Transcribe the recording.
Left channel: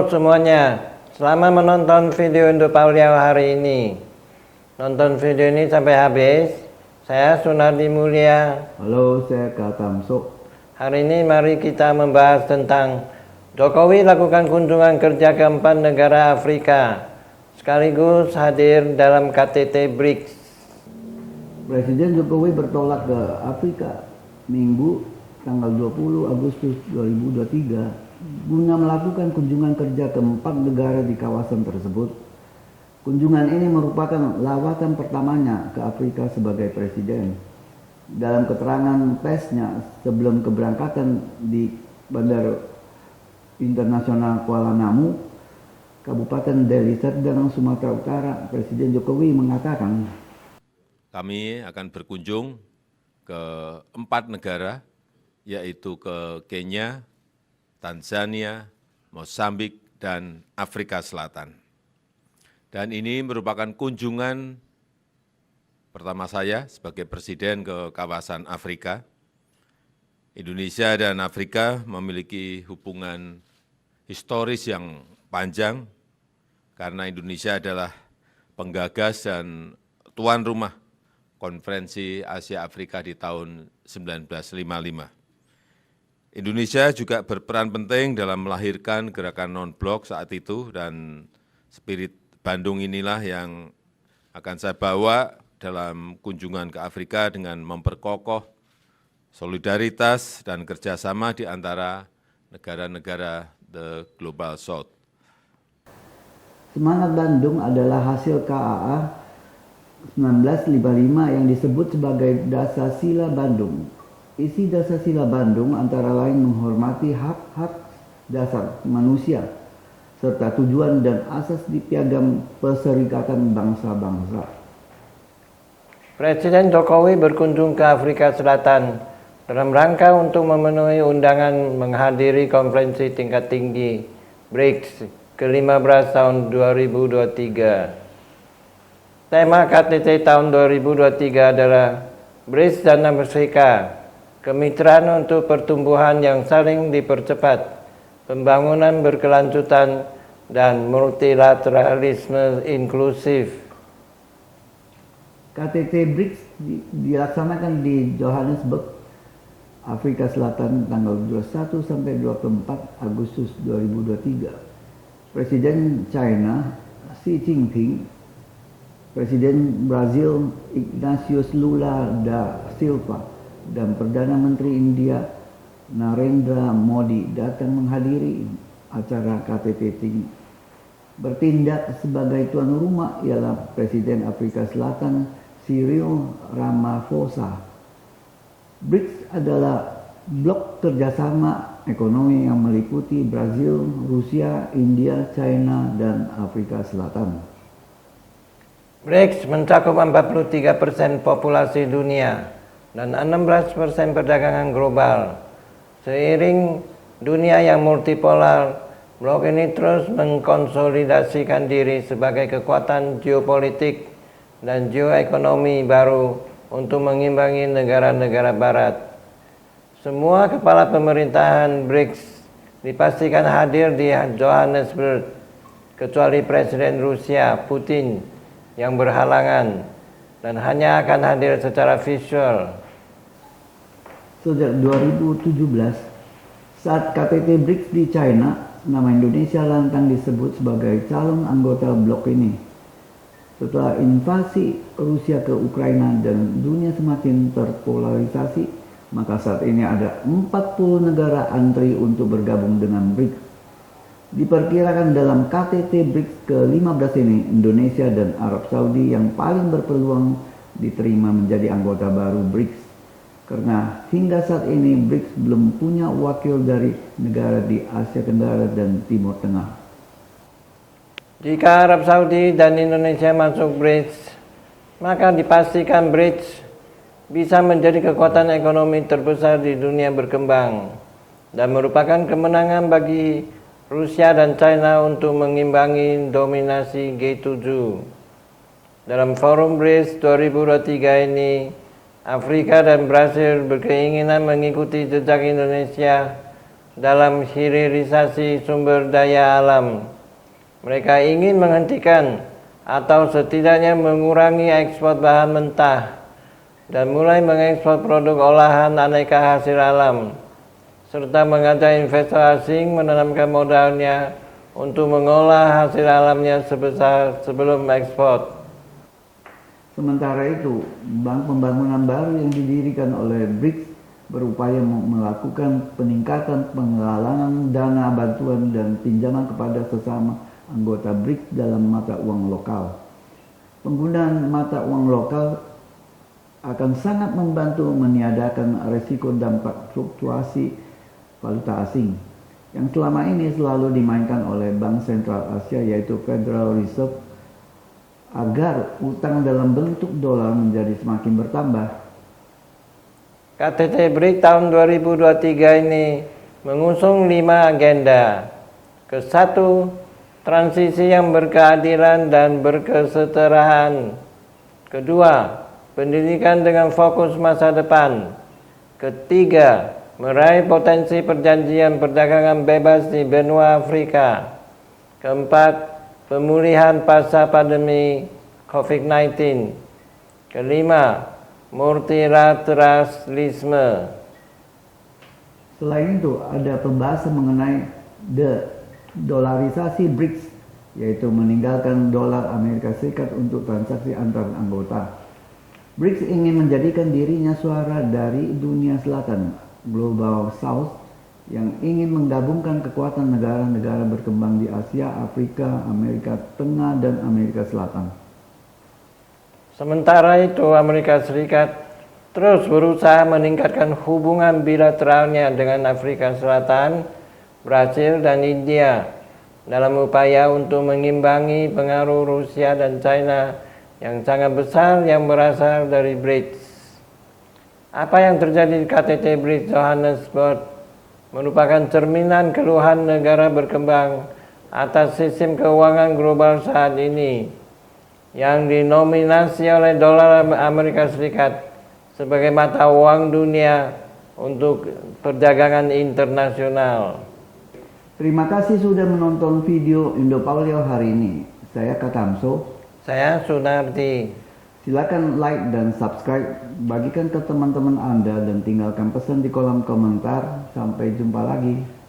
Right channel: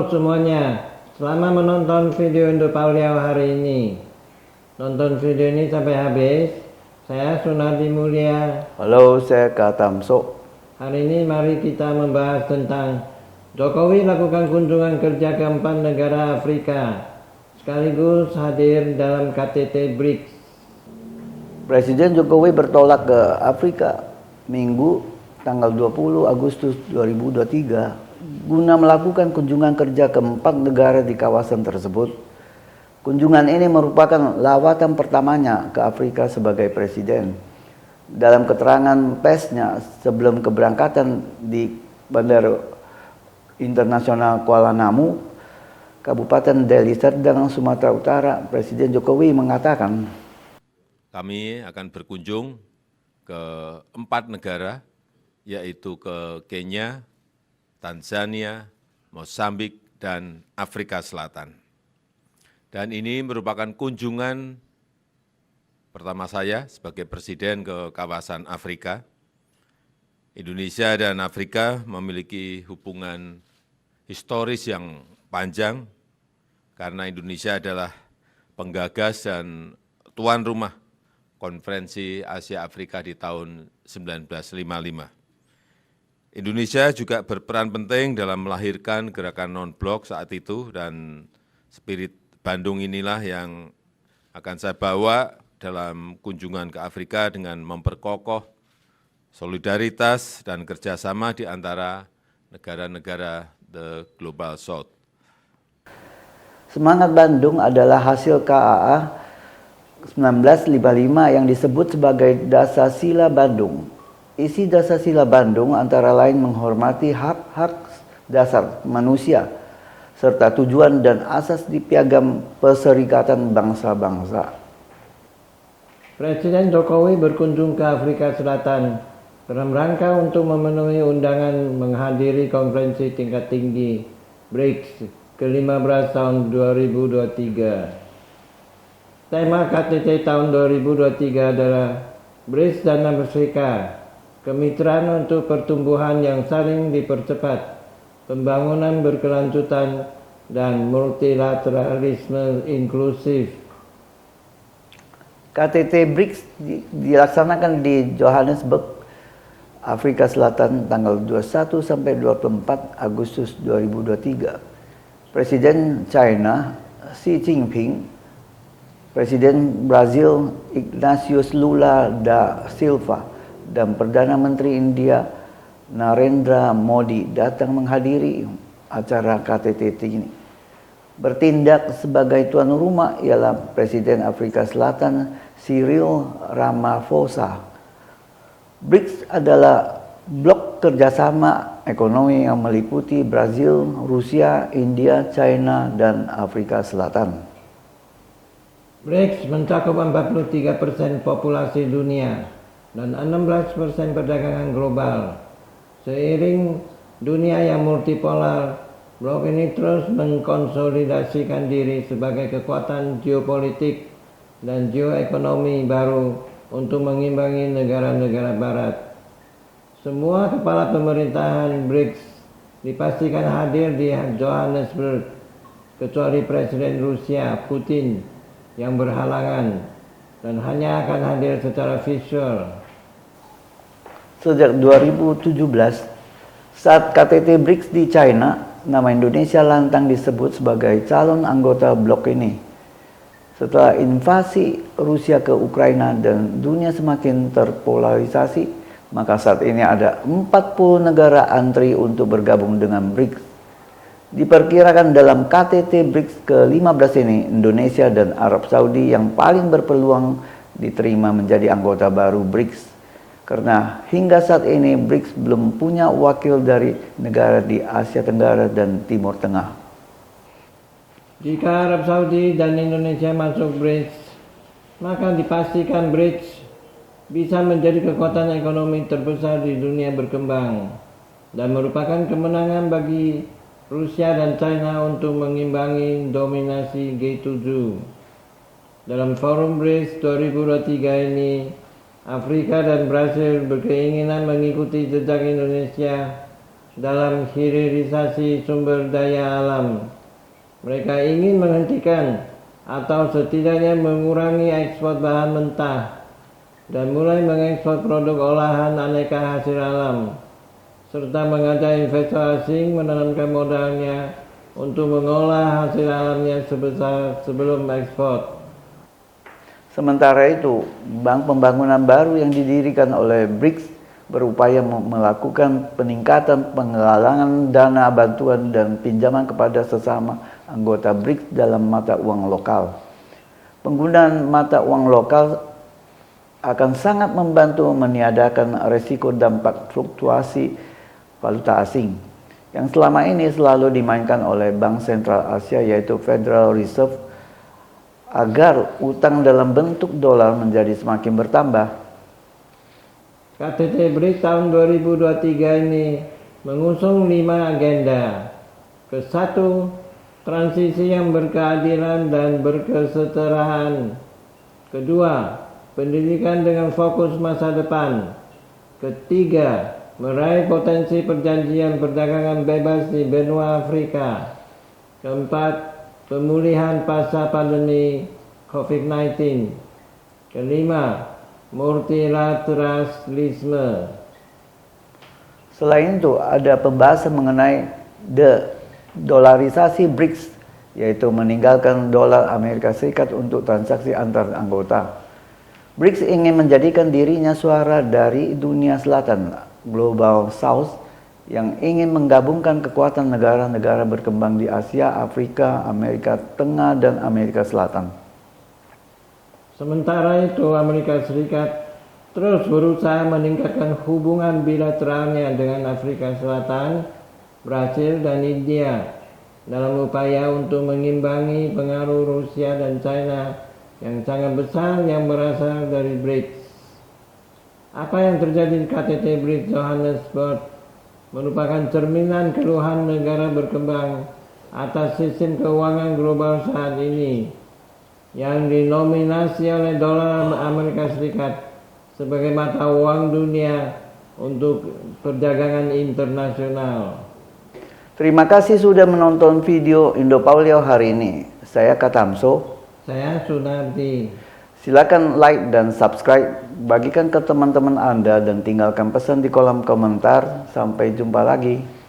Halo semuanya, selamat menonton video Indo Pauliau hari ini. Nonton video ini sampai habis. Saya Sunardi Mulia. Halo, saya Kak Tamso. Hari ini mari kita membahas tentang Jokowi lakukan kunjungan kerja ke 4 negara Afrika, sekaligus hadir dalam KTT BRICS. Presiden Jokowi bertolak ke Afrika Minggu tanggal 20 Agustus 2023 guna melakukan kunjungan kerja ke 4 negara di kawasan tersebut. Kunjungan ini merupakan lawatan pertamanya ke Afrika sebagai presiden. Dalam keterangan persnya sebelum keberangkatan di Bandara Internasional Kuala Namu, Kabupaten Deli Serdang, Sumatera Utara, Presiden Jokowi mengatakan, kami akan berkunjung ke 4 negara, yaitu ke Kenya, Tanzania, Mozambik, dan Afrika Selatan. Dan ini merupakan kunjungan pertama saya sebagai presiden ke kawasan Afrika. Indonesia dan Afrika memiliki hubungan historis yang panjang karena Indonesia adalah penggagas dan tuan rumah Konferensi Asia Afrika di tahun 1955. Indonesia juga berperan penting dalam melahirkan gerakan non-blok saat itu, dan spirit Bandung inilah yang akan saya bawa dalam kunjungan ke Afrika dengan memperkokoh solidaritas dan kerjasama di antara negara-negara the Global South. semangat Bandung adalah hasil KAA 1955 yang disebut sebagai Dasar-Sila Bandung. Isi Dasar-Sila Bandung antara lain menghormati hak-hak dasar manusia, serta tujuan dan asas di Piagam Perserikatan Bangsa-Bangsa. Presiden Jokowi berkunjung ke Afrika Selatan dalam rangka untuk memenuhi undangan menghadiri konferensi tingkat tinggi BRICS ke-15 tahun 2023. Tema KTT tahun 2023 adalah BRICS dan Afrika, kemitraan untuk pertumbuhan yang saling dipercepat, pembangunan berkelanjutan, dan multilateralisme inklusif. KTT BRICS dilaksanakan di Johannesburg, Afrika Selatan tanggal 21 sampai 24 Agustus 2023. Presiden China Xi Jinping, Presiden Brazil Ignatius Lula da Silva, dan Perdana Menteri India Narendra Modi datang menghadiri acara KTT ini. Bertindak sebagai tuan rumah ialah Presiden Afrika Selatan Cyril Ramaphosa. BRICS adalah blok kerjasama ekonomi yang meliputi Brazil, Rusia, India, China, dan Afrika Selatan. BRICS mencakup 43% populasi dunia dan 16% perdagangan global. Seiring dunia yang multipolar, blok ini terus mengkonsolidasikan diri sebagai kekuatan geopolitik dan geoekonomi baru untuk mengimbangi negara-negara barat. Semua kepala pemerintahan BRICS dipastikan hadir di Johannesburg, kecuali Presiden Rusia Putin yang berhalangan dan hanya akan hadir secara visual. Sejak 2017, saat KTT BRICS di China, nama Indonesia lantang disebut sebagai calon anggota blok ini. Setelah invasi Rusia ke Ukraina dan dunia semakin terpolarisasi, maka saat ini ada 40 negara antri untuk bergabung dengan BRICS. Diperkirakan dalam KTT BRICS ke-15 ini, Indonesia dan Arab Saudi yang paling berpeluang diterima menjadi anggota baru BRICS. Karena hingga saat ini BRICS belum punya wakil dari negara di Asia Tenggara dan Timur Tengah. Jika Arab Saudi dan Indonesia masuk BRICS, maka dipastikan BRICS bisa menjadi kekuatan ekonomi terbesar di dunia berkembang dan merupakan kemenangan bagi Rusia dan China untuk mengimbangi dominasi G7. Dalam forum BRICS 2023 ini, Afrika dan Brasil berkeinginan mengikuti jejak Indonesia dalam hilirisasi sumber daya alam. Mereka ingin menghentikan atau setidaknya mengurangi ekspor bahan mentah dan mulai mengekspor produk olahan aneka hasil alam, serta mengajak investor asing menanamkan modalnya untuk mengolah hasil alamnya sebelum ekspor. Sementara itu, bank pembangunan baru yang didirikan oleh BRICS berupaya melakukan peningkatan penggalangan dana bantuan dan pinjaman kepada sesama anggota BRICS dalam mata uang lokal. Penggunaan mata uang lokal akan sangat membantu meniadakan resiko dampak fluktuasi valuta asing yang selama ini selalu dimainkan oleh Bank Sentral Asia yaitu Federal Reserve agar utang dalam bentuk dolar menjadi semakin bertambah. KTT BRICS tahun 2023 ini mengusung 5 agenda. Ke-1, transisi yang berkeadilan dan berkesetaraan. Kedua, pendidikan dengan fokus masa depan. Ketiga, meraih potensi perjanjian perdagangan bebas di benua Afrika. Keempat, pemulihan pasca pandemi COVID-19. Kelima, multilateralisme. Selain itu, ada pembahasan mengenai de-dolarisasi BRICS, yaitu meninggalkan dolar Amerika Serikat untuk transaksi antar anggota. BRICS ingin menjadikan dirinya suara dari dunia selatan, Global South, yang ingin menggabungkan kekuatan negara-negara berkembang di Asia, Afrika, Amerika Tengah, dan Amerika Selatan. Sementara itu, Amerika Serikat terus berusaha meningkatkan hubungan bilateralnya dengan Afrika Selatan, Brasil, dan India dalam upaya untuk mengimbangi pengaruh Rusia dan China yang sangat besar yang berasal dari BRICS. Apa yang terjadi di KTT BRICS Johannesburg merupakan cerminan keluhan negara berkembang atas sistem keuangan global saat ini yang dinominasi oleh dolar Amerika Serikat sebagai mata uang dunia untuk perdagangan internasional. Terima kasih sudah menonton video Indo-Paulio hari ini. Saya Katamso. Saya Sunardi. Silakan like dan subscribe, bagikan ke teman-teman Anda dan tinggalkan pesan di kolom komentar. Sampai jumpa lagi.